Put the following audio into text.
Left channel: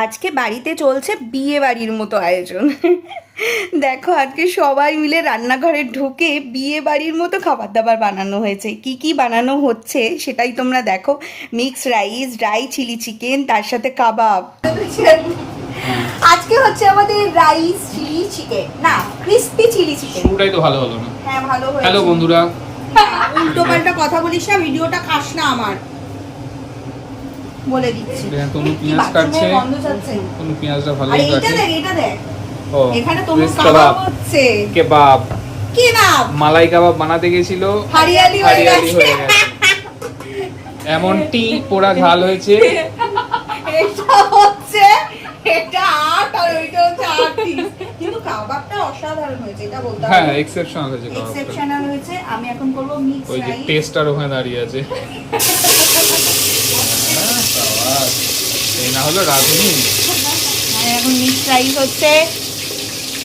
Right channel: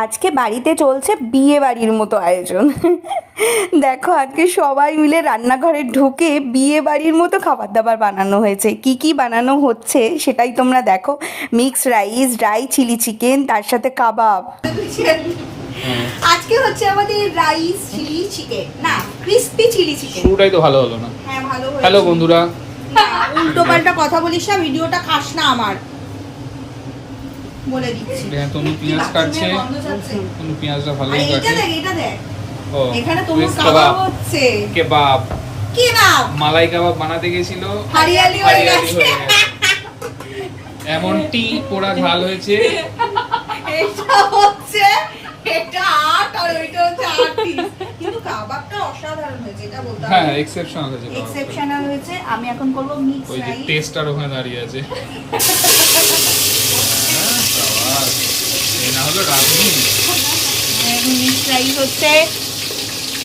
আজকে বাড়িতে চলছে বিয়ে বাড়ির মতো আয়োজন। দেখো আজকে সবাই মিলে রান্নাঘরে ঢুকে বিয়ে বাড়ির মতো খাবার দাবার বানানো হয়েছে। কি কি বানানো হচ্ছে সেটাই তোমরা দেখো। Mixed rice, dry chilli chicken, তার সাথে কাবাব। আজকে হচ্ছে আমাদের রাইস চিলি চিকেন, না ক্রিস্পি চিলি চিকেন। পুরোটাই তো ভালো হলো না। হ্যাঁ ভালো হয়েছে। হ্যালো বন্ধুরা, উল্টো পাল্টা কথা বলিস না, ভিডিওটা খাস না আমার, বলে দিচ্ছি। তনু পেঁয়াজ কাটছে। তনু পেঁয়াজটা ভালোই কাটে। এটা দেখ ও এখানে তোমার কাবাব হচ্ছে। কেবাব, কেবাব, মালাই কাবাব বানাতে গেছিল, হারিয়ালি হয়ে গেছে। এমনটি পোড়া ঝাল হয়েছে। এটা হচ্ছে, এটা আট আর ওইটা হচ্ছে 8 পিস, কিন্তু কাবাবটা অসাধারণ হয়েছে, এটা বলতে হবে। হ্যাঁ, এক্সেপশনাল হয়েছে কাবাবটা। এক্সেপশনাল হয়েছে। আমি এখন করব মিক্স ওই যে রাইস। টেস্টার ওখানে দাঁড়িয়ে আছে। এই না হলো রাঁধুনি। এখন মিক্স রাইস হচ্ছে,